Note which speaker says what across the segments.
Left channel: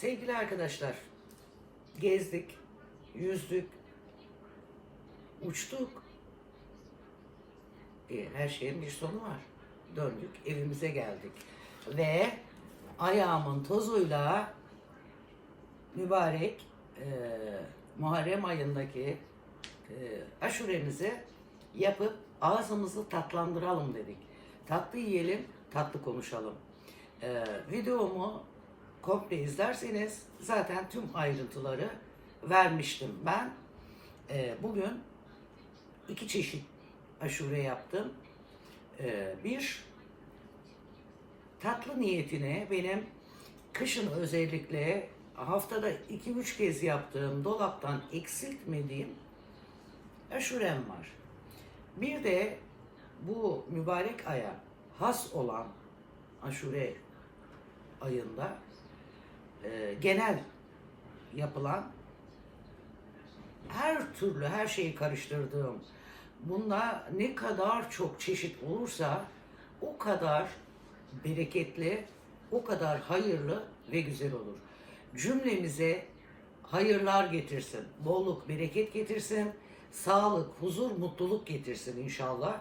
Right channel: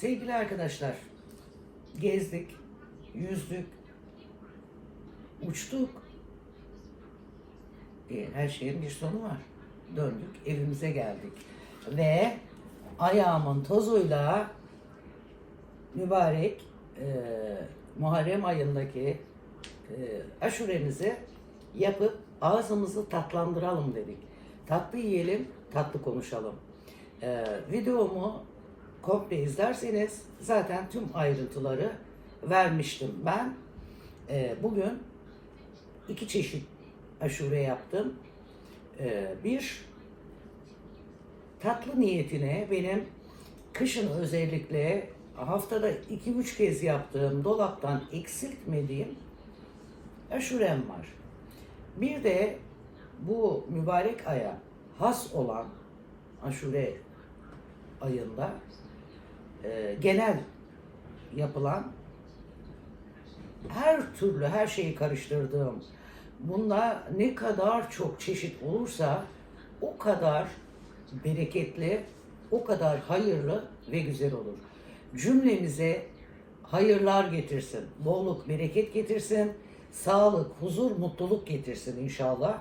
Speaker 1: Sevgili arkadaşlar, gezdik, yüzdük, uçtuk. E, her şeyin bir sonu var. Döndük, evimize geldik. Ve ayağımın tozuyla mübarek e, Muharrem ayındaki e, aşuremizi yapıp ağzımızı tatlandıralım dedik. Tatlı yiyelim, tatlı konuşalım. E, videomu komple izlerseniz zaten tüm ayrıntıları vermiştim. Ben e, bugün iki çeşit aşure yaptım. E, bir tatlı niyetine benim kışın özellikle haftada 2-3 kez yaptığım dolaptan eksiltmediğim aşurem var. Bir de bu mübarek aya has olan aşure ayında e, genel yapılan her türlü her şeyi karıştırdığım bunda ne kadar çok çeşit olursa o kadar bereketli, o kadar hayırlı ve güzel olur. Cümlemize hayırlar getirsin, bolluk, bereket getirsin, sağlık, huzur, mutluluk getirsin inşallah.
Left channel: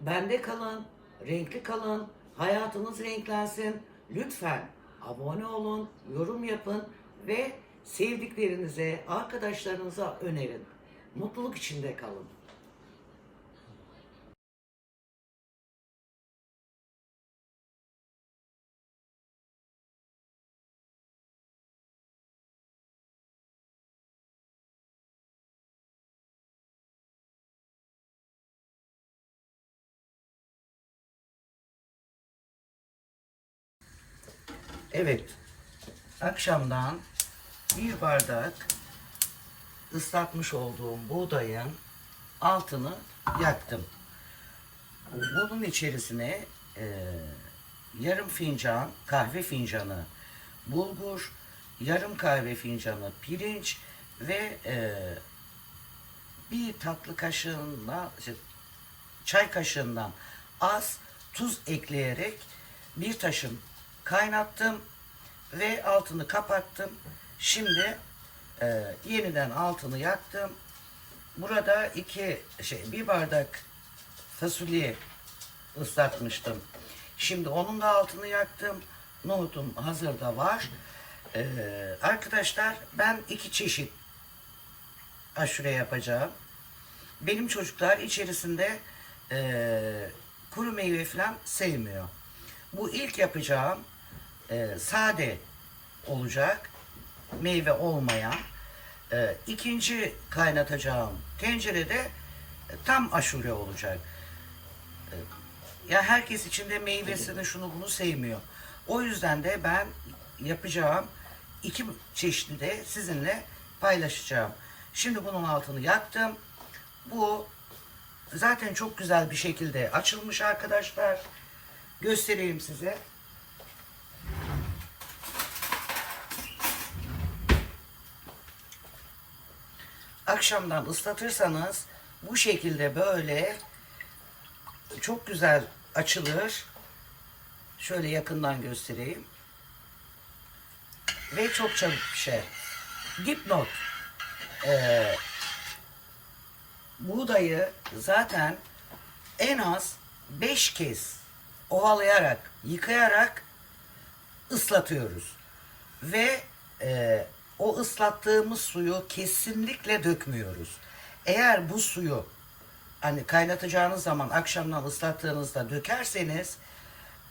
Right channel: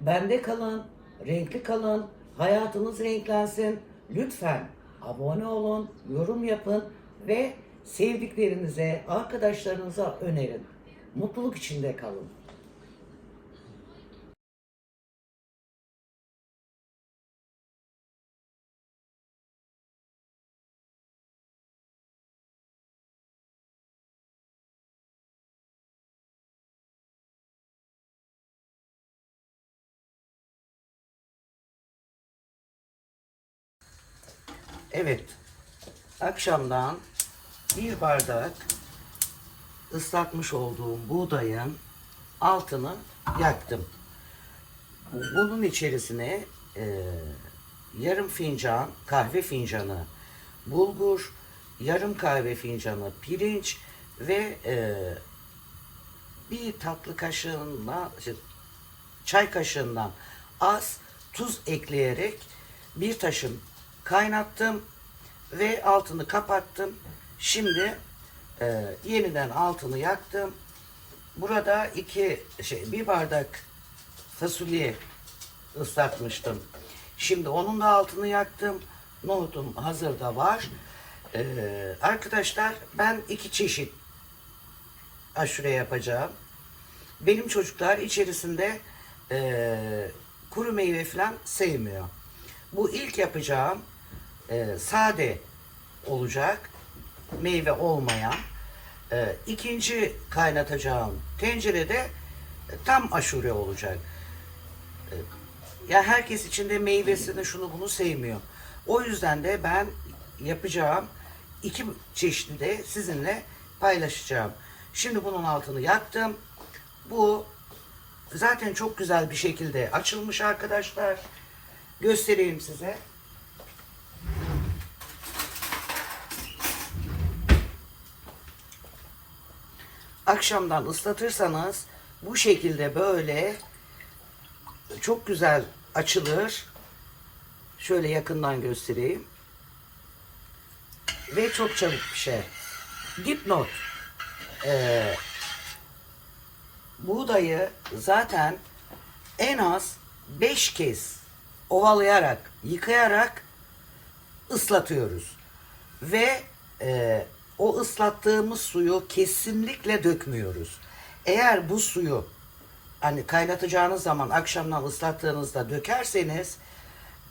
Speaker 1: Bende kalın, renkli kalın, hayatınız renklensin. Lütfen abone olun, yorum yapın ve sevdiklerinize, arkadaşlarınıza önerin. Mutluluk içinde kalın. Evet. Akşamdan bir bardak ıslatmış olduğum buğdayın altını yaktım. Bunun içerisine e, yarım fincan kahve fincanı bulgur, yarım kahve fincanı pirinç ve e, bir tatlı kaşığında işte, çay kaşığından az tuz ekleyerek bir taşım kaynattım ve altını kapattım. Şimdi e, yeniden altını yaktım. Burada iki şey bir bardak fasulye ıslatmıştım. Şimdi onun da altını yaktım. Nohutum hazırda var. E, arkadaşlar ben iki çeşit aşure yapacağım. Benim çocuklar içerisinde e, kuru meyve falan sevmiyor. Bu ilk yapacağım e, sade olacak. Meyve olmayan. E, ikinci kaynatacağım tencerede e, tam aşure olacak. E, ya herkes içinde meyvesini şunu bunu sevmiyor. O yüzden de ben yapacağım iki çeşitli de sizinle paylaşacağım. Şimdi bunun altını yaktım. Bu zaten çok güzel bir şekilde açılmış arkadaşlar. Göstereyim size. Akşamdan ıslatırsanız bu şekilde böyle çok güzel açılır. Şöyle yakından göstereyim. Ve çok çabuk bir şey. Dipnot. Ee, buğdayı zaten en az 5 kez ovalayarak, yıkayarak ıslatıyoruz. Ve e, o ıslattığımız suyu kesinlikle dökmüyoruz. Eğer bu suyu hani kaynatacağınız zaman akşamdan ıslattığınızda dökerseniz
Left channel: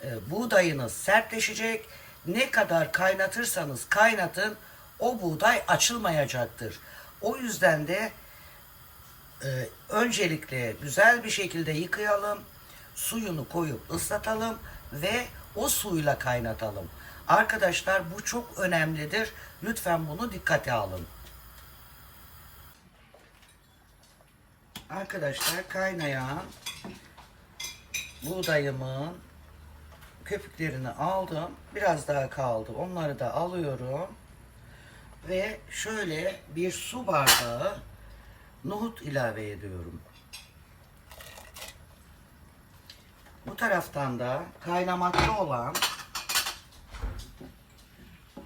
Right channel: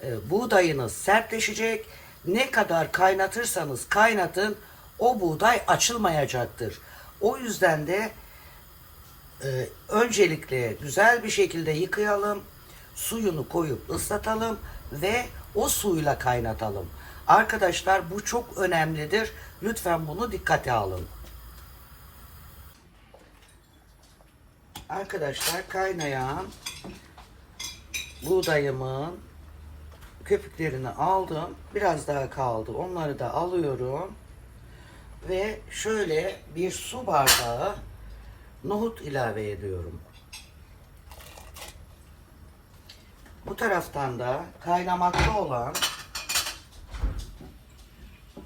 Speaker 1: e, buğdayınız sertleşecek. Ne kadar kaynatırsanız kaynatın o buğday açılmayacaktır. O yüzden de e, öncelikle güzel bir şekilde yıkayalım. Suyunu koyup ıslatalım ve o suyla kaynatalım. Arkadaşlar bu çok önemlidir. Lütfen bunu dikkate alın. Arkadaşlar kaynayan buğdayımın köpüklerini aldım. Biraz daha kaldı. Onları da alıyorum. Ve şöyle bir su bardağı nohut ilave ediyorum. Bu taraftan da kaynamakta olan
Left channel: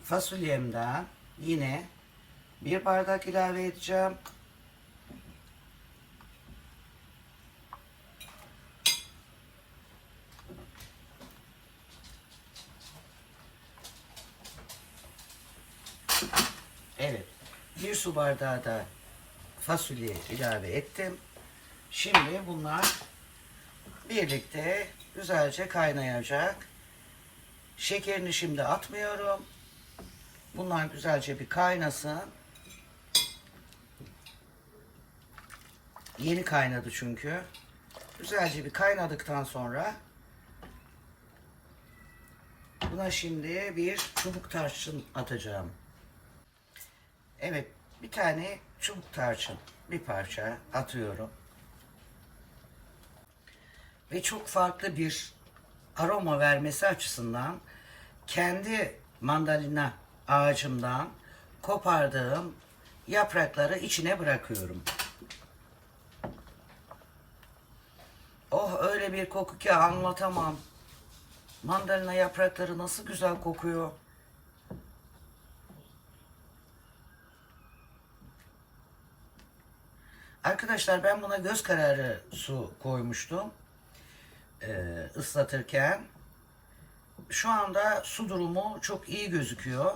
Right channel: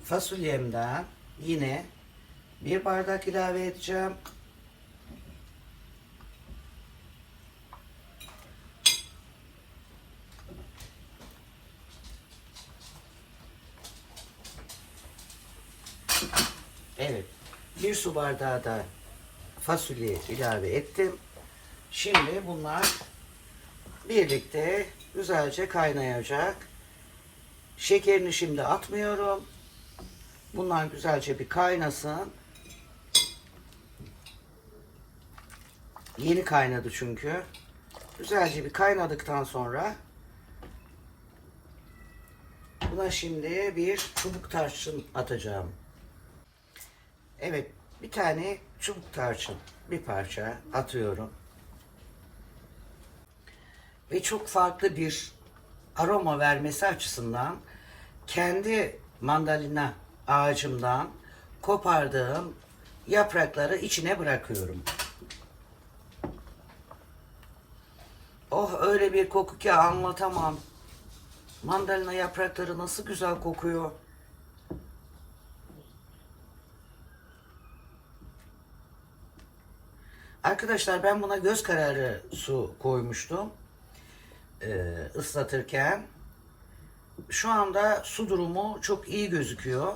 Speaker 2: fasulyemden yine bir bardak ilave edeceğim. Evet. Bir su bardağı da fasulye ilave ettim. Şimdi bunlar birlikte güzelce kaynayacak. Şekerini şimdi atmıyorum. Bunlar güzelce bir kaynasın. Yeni kaynadı çünkü. Güzelce bir kaynadıktan sonra buna şimdi bir çubuk tarçın atacağım. Evet, bir tane çubuk tarçın, bir parça atıyorum. Ve çok farklı bir aroma vermesi açısından kendi mandalina ağacımdan kopardığım yaprakları içine bırakıyorum. Oh öyle bir koku ki anlatamam. Mandalina yaprakları nasıl güzel kokuyor. Arkadaşlar ben buna göz kararı su koymuştum. Ee, ıslatırken. Şu anda su durumu çok iyi gözüküyor.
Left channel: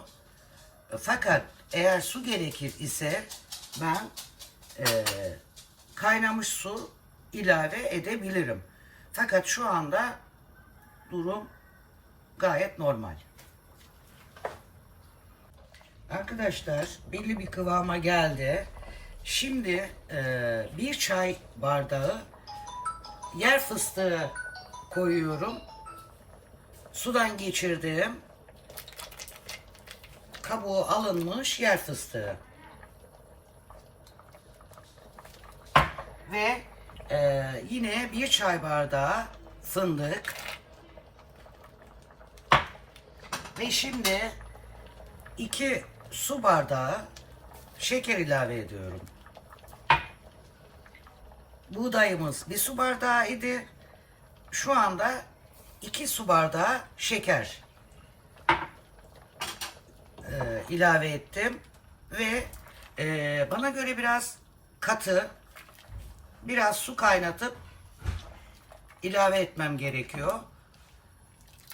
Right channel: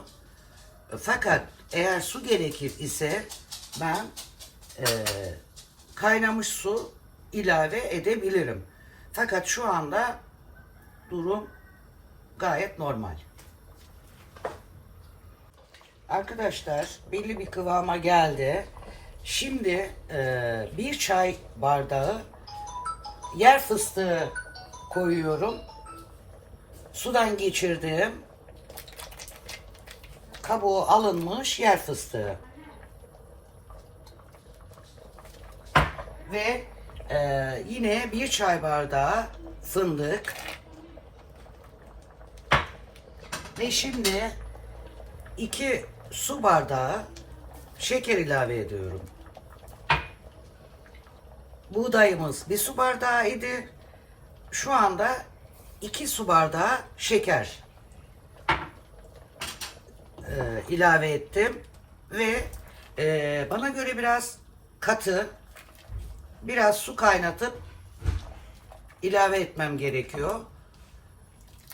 Speaker 2: Fakat eğer su gerekir ise ben e, kaynamış su ilave edebilirim. Fakat şu anda durum gayet normal. Arkadaşlar belli bir kıvama geldi. Şimdi e, bir çay bardağı yer fıstığı koyuyorum. Sudan geçirdim. Kabuğu alınmış yer fıstığı. Ve e, yine bir çay bardağı fındık. Ve şimdi iki su bardağı şeker ilave ediyorum. Buğdayımız bir su bardağı idi. Şu anda iki su bardağı şeker ilave ettim ve e, bana göre biraz katı biraz su kaynatıp ilave etmem gerekiyor.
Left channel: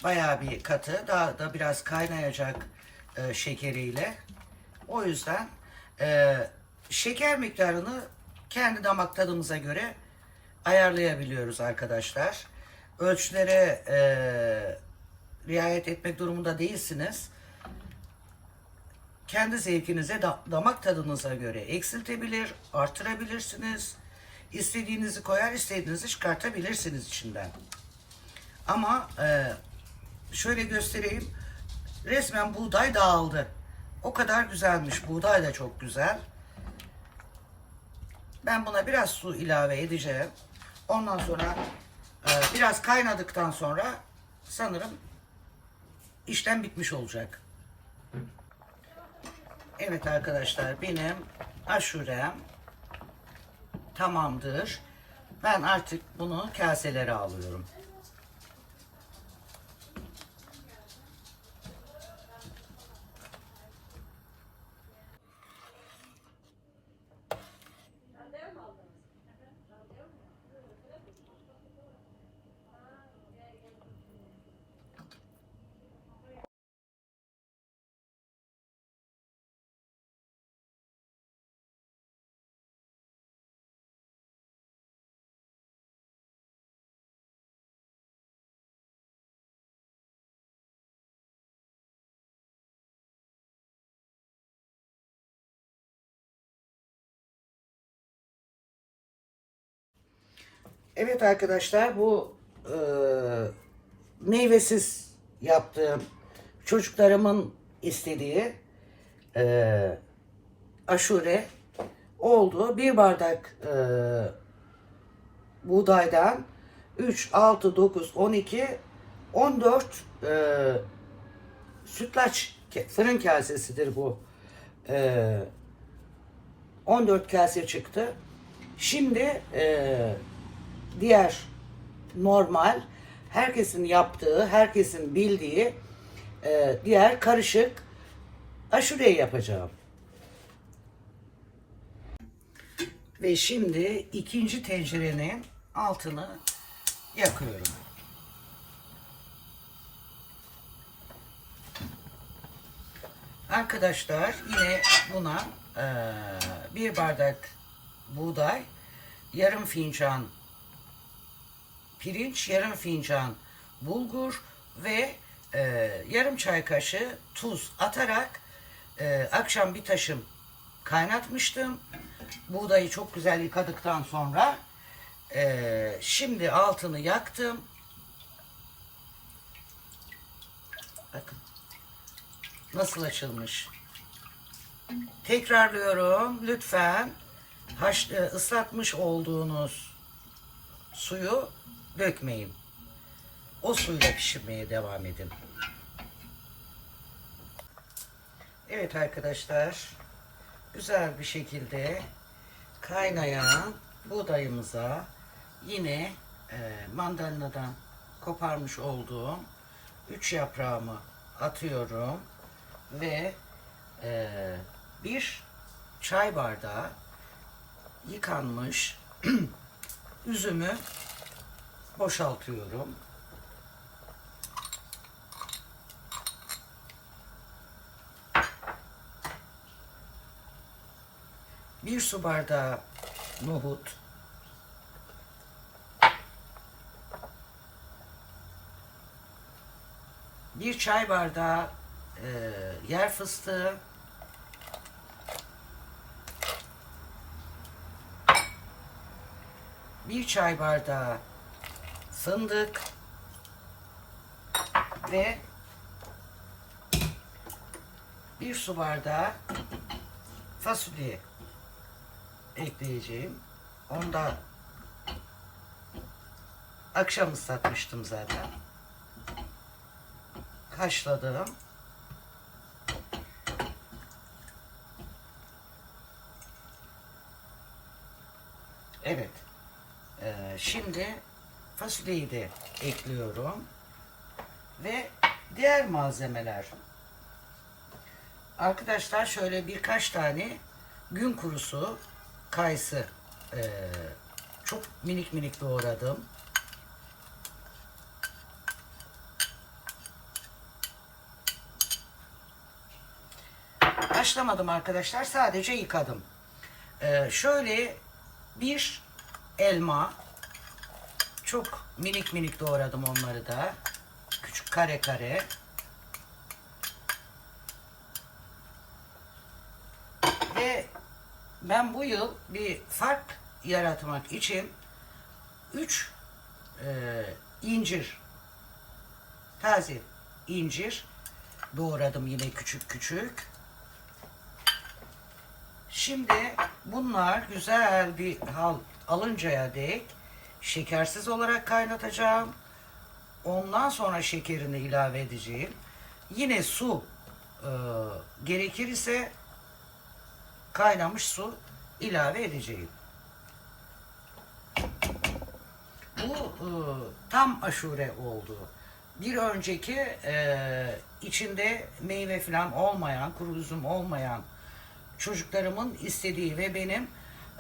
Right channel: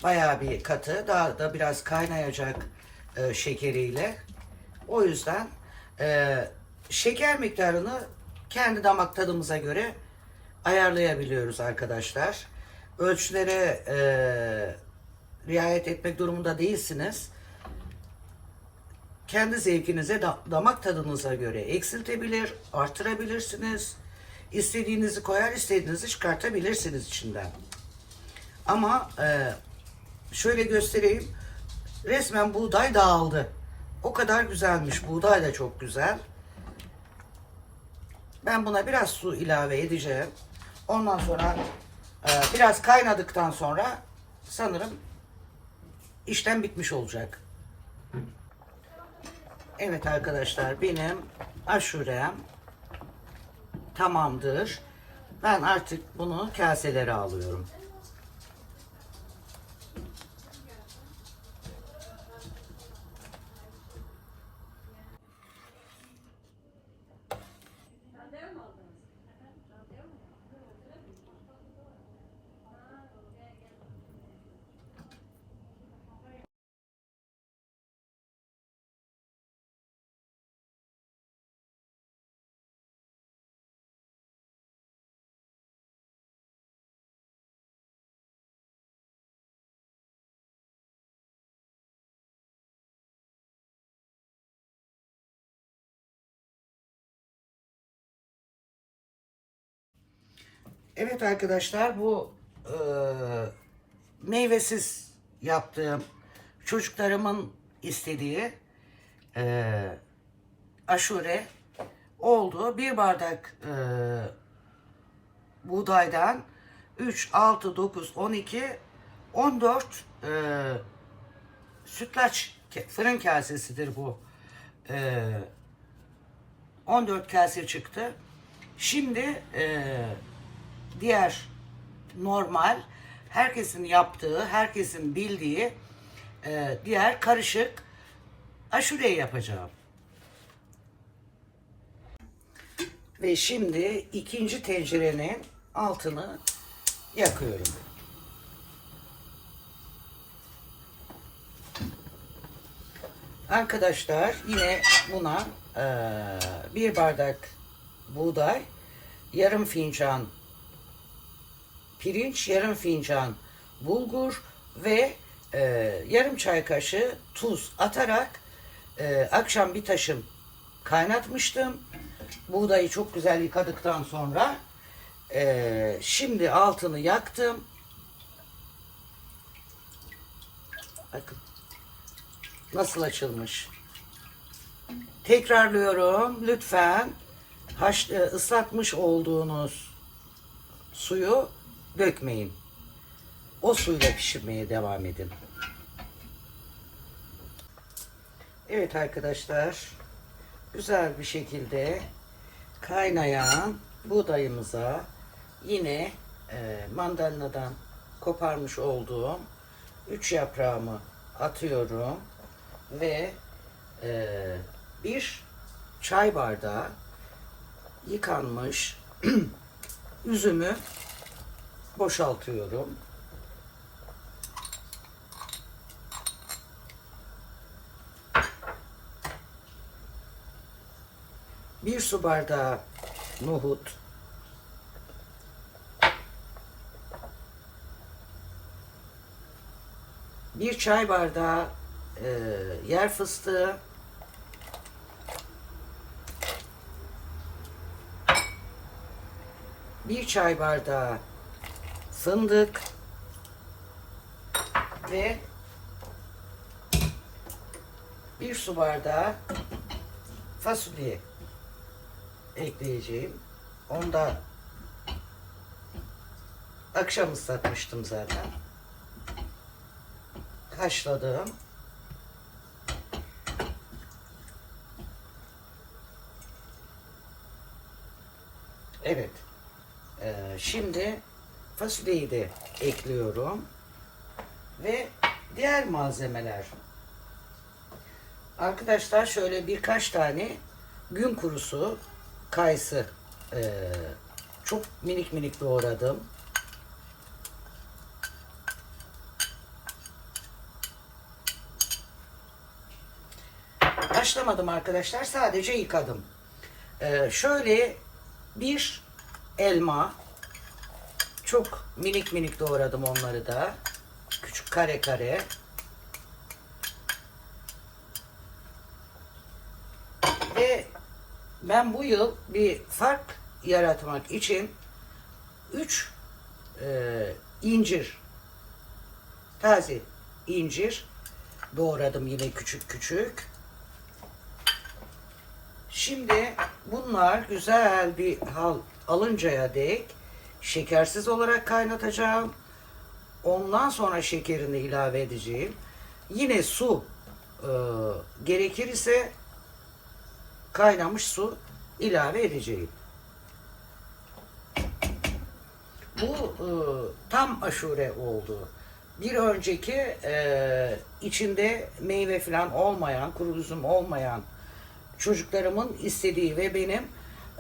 Speaker 2: Bayağı bir katı. Daha da biraz kaynayacak e, şekeriyle. O yüzden e, şeker miktarını kendi damak tadımıza göre ayarlayabiliyoruz arkadaşlar. Ölçülere e, riayet etmek durumunda değilsiniz. Kendi zevkinize, da- damak tadınıza göre eksiltebilir, artırabilirsiniz. İstediğinizi koyar, istediğinizi çıkartabilirsiniz içinden. Ama e, şöyle göstereyim. Resmen buğday dağıldı. O kadar güzelmiş. Buğday da çok güzel. Ben buna biraz su ilave edeceğim. Ondan sonra e, biraz kaynadıktan sonra sanırım işlem bitmiş olacak. Evet arkadaşlar benim aşurem tamamdır. Ben artık bunu kaselere alıyorum. Evet arkadaşlar bu e, meyvesiz yaptığım çocuklarımın istediği e, aşure oldu. Bir bardak e, buğdaydan 3, 6, 9, 12, 14 e, sütlaç fırın kasesidir bu. E, 14 kase çıktı. Şimdi e, diğer normal herkesin yaptığı, herkesin bildiği e, diğer karışık aşureyi yapacağım. Ve şimdi ikinci tencerenin altını yakıyorum. Arkadaşlar yine buna eee, bir bardak buğday, yarım fincan pirinç, yarım fincan bulgur ve eee, yarım çay kaşığı tuz atarak eee, akşam bir taşım kaynatmıştım. Buğdayı çok güzel yıkadıktan sonra eee, şimdi altını yaktım. Bakın nasıl açılmış. Tekrarlıyorum. Lütfen haş, e, ıslatmış olduğunuz suyu dökmeyin. O suyla pişirmeye devam edin. Evet arkadaşlar. Güzel bir şekilde kaynayan buğdayımıza yine e, mandalinadan koparmış olduğum üç yaprağımı atıyorum ve e, bir çay bardağı yıkanmış üzümü boşaltıyorum. Bir su bardağı nohut, bir çay bardağı e, yer fıstığı, bir çay bardağı fındık ve bir su bardağı fasulye ekleyeceğim. Ondan akşam ıslatmıştım zaten. Haşladım. Evet. Ee, şimdi fasulyeyi de ekliyorum. Ve diğer malzemeler. Arkadaşlar şöyle birkaç tane gün kurusu kayısı ee, çok minik minik doğradım. Haşlamadım arkadaşlar. Sadece yıkadım. Ee, şöyle bir elma. Çok minik minik doğradım onları da. Küçük kare kare. Ve ben bu yıl bir fark yaratmak için 3 incir taze incir doğradım yine küçük küçük. Şimdi bunlar güzel bir hal alıncaya dek şekersiz olarak kaynatacağım. Ondan sonra şekerini ilave edeceğim. Yine su e, gerekir kaynamış su ilave edeceğim. Bu e, tam aşure oldu. Bir önceki e, içinde meyve falan olmayan, kuru üzüm olmayan çocuklarımın istediği ve benim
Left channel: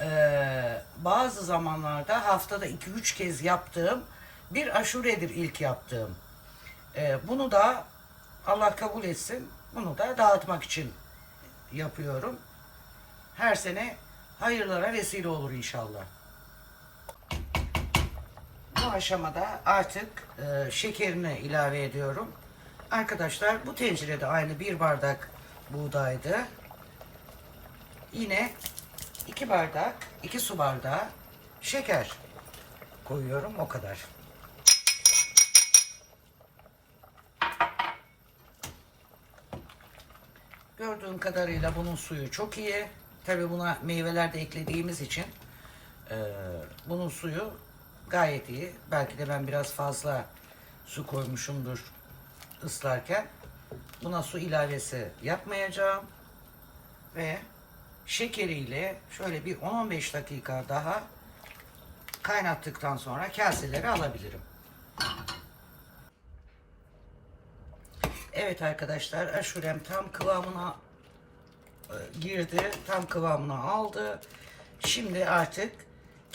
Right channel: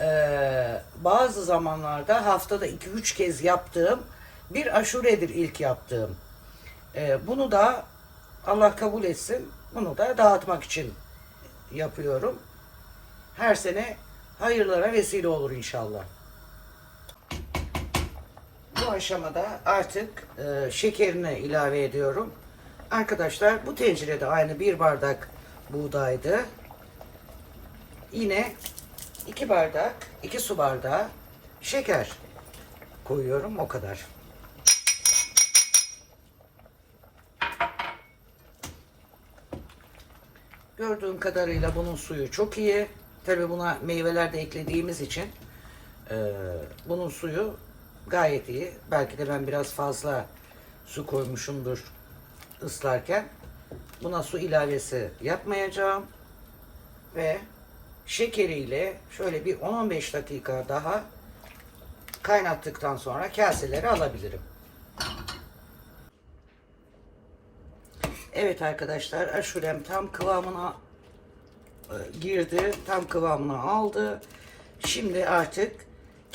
Speaker 2: e, bazı zamanlarda haftada 2-3 kez yaptığım bir aşuredir ilk yaptığım. E, bunu da Allah kabul etsin. Bunu da dağıtmak için yapıyorum. Her sene hayırlara vesile olur inşallah. Bu aşamada artık e, şekerini ilave ediyorum. Arkadaşlar bu tencerede aynı bir bardak buğdaydı. Yine iki bardak, iki su bardağı şeker koyuyorum o kadar. Gördüğüm kadarıyla bunun suyu çok iyi. Tabi buna meyveler de eklediğimiz için e, bunun suyu gayet iyi. Belki de ben biraz fazla su koymuşumdur ıslarken. Buna su ilavesi yapmayacağım. Ve şekeriyle şöyle bir 10-15 dakika daha kaynattıktan sonra kaseleri alabilirim. Evet arkadaşlar aşurem tam kıvamına e, girdi. Tam kıvamını aldı. Şimdi artık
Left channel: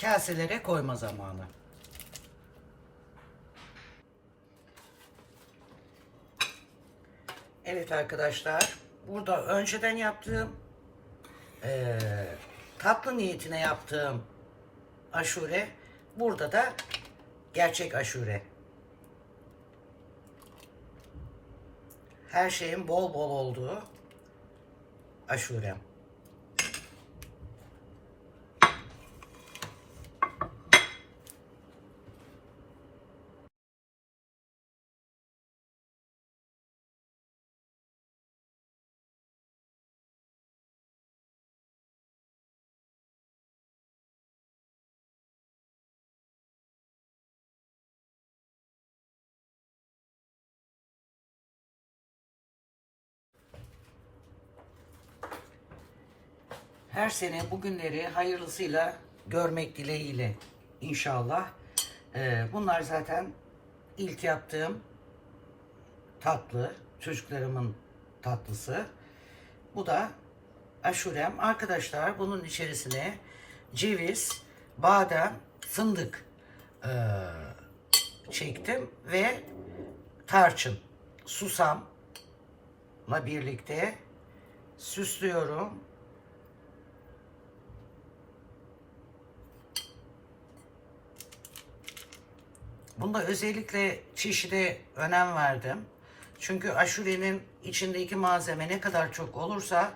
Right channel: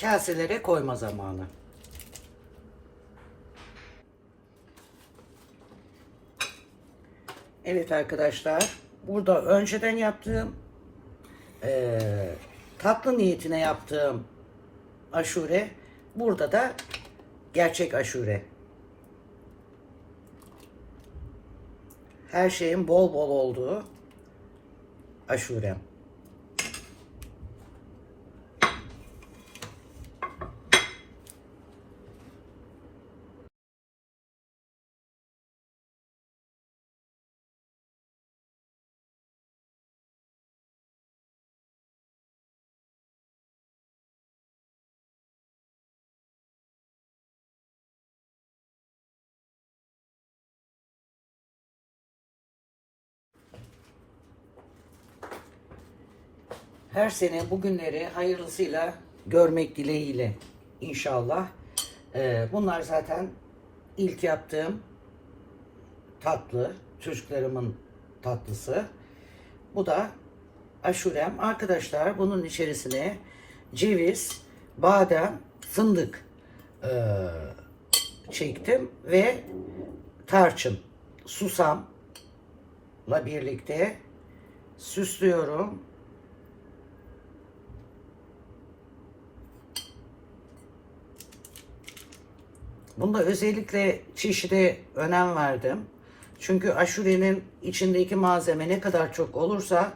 Speaker 2: kaselere koyma zamanı. Evet arkadaşlar. Burada önceden yaptığım eee, tatlı niyetine yaptığım aşure. Burada da gerçek aşure. Her şeyin bol bol olduğu aşurem. Her sene bugünleri hayırlısıyla görmek dileğiyle inşallah. Ee, bunlar zaten ilk yaptığım tatlı, çocuklarımın tatlısı. Bu da aşurem. Arkadaşlar bunun içerisine ceviz, badem, fındık ee, çektim ve tarçın, susamla birlikte süslüyorum. Bunda özellikle çeşide önem verdim. Çünkü aşurenin içindeki malzeme ne kadar çok olursa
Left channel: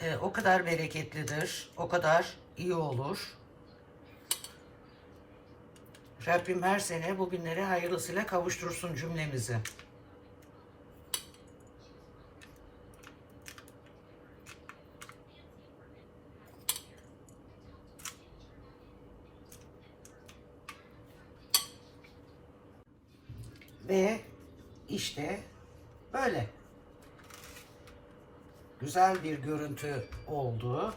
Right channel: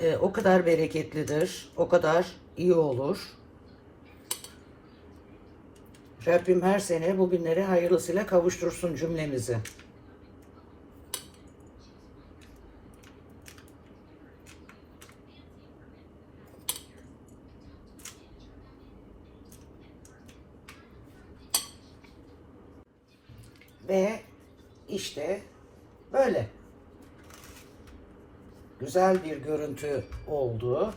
Speaker 2: e, o kadar bereketlidir, o kadar iyi olur. Rabbim her sene bugünleri hayırlısıyla kavuştursun cümlemizi. Ve işte böyle. Güzel bir görüntü oldu.